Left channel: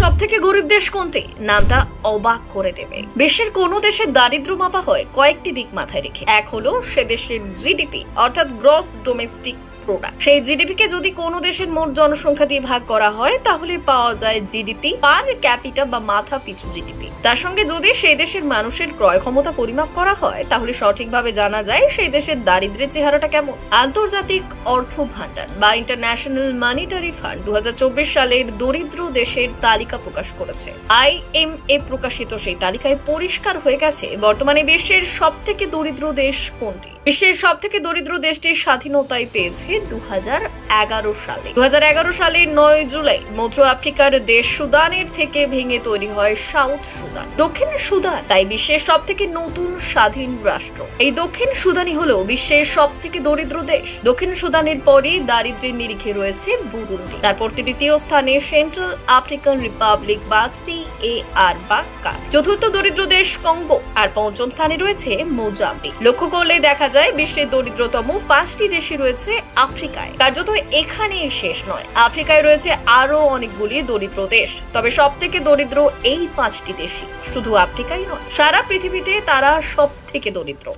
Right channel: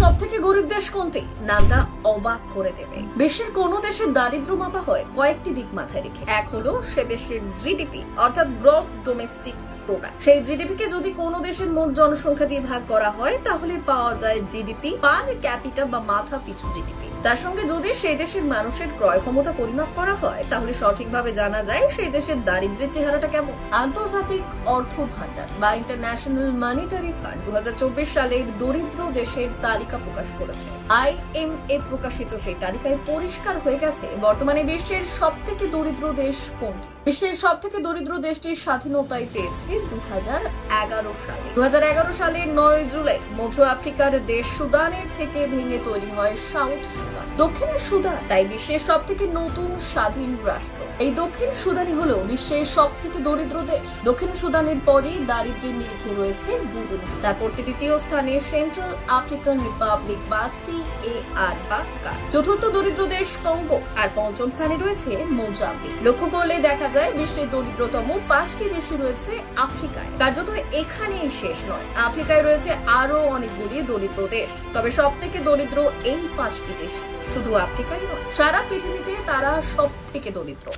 সবথেকে গরিব দেশ কোনটি? নামটা অবাক করে দেবে। বিশ্বের কোন দেশের দারিদ্র মাপা হয় কয়েকটি দিক মাথায় রেখে। এক হলো সে দেশের জিডিপি অর্থাৎ গ্রস ডোমেস্টিক প্রোডাক্ট। সেই জিডিপি কে যদি কোনো দেশের মোট জনসংখ্যা দিয়ে ভাগ করা হয় তাহলে পাওয়া যায় জিডিপি পার ক্যাপিটা বা মাথা পিছু জিডিপি। তার সঙ্গে যদি সেই দেশের মানুষের ক্রয় ক্ষমতা পরিমাপ করা হয় তাহলে সঠিকভাবে জানা যায় সেই দেশের দারিদ্র্যের চেহারাটা কেমন। আন্তর্জাতিক অর্থ ভান্ডার বা ইন্টারন্যাশনাল মনিটারি ফান্ড 2024 সালের দরিদ্র দেশের তালিকা প্রকাশ করেছে। IMF প্রকাশিত সেই তালিকায় পরিষ্কার হয়ে গেছে বর্তমানে বিশ্বের সবথেকে দরিদ্র দেশ কোনটি। বিশ্বের সবথেকে দরিদ্র দেশটির স্বাধীনতায় পেয়েছে 2011 সালে। 2011 সালের 9 জুলাই মধ্য আফ্রিকার দেশ সুদানের থেকে ভেঙে তৈরি হয় সাউথ সুদান। দক্ষিণ সুদান তাই বিশ্বের সবথেকে নতুন স্বাধীন রাষ্ট্র। এই দক্ষিণ সুদানই হলো বিশ্বের সবথেকে দরিদ্র দেশ। দক্ষিণ সুদানের পরই দারিদ্র্যের নিরিখে রয়েছে বুরুন্ডি, তারপর তৃতীয় স্থানে সেন্ট্রাল আফ্রিকান রিপাবলিক বা CAR বা কার। চতুর্থ দরিদ্র দেশ কঙ্গো, আর পঞ্চম স্থানে রয়েছে মোজাম্বিক। লক্ষ্য করলে দেখা যায় বিশ্বের দরিদ্রতম 5টি দেশই রয়েছে আফ্রিকায়। কার্যত এখানেই শেষ নয়, আফ্রিকায় রয়েছে আরো অনেকগুলি দরিদ্র দেশ। তবে সবথেকে দরিদ্র এই 5টি দেশই, শুধু আফ্রিকাই নয়, সারা পৃথিবীতে তারা সবথেকে দরিদ্র।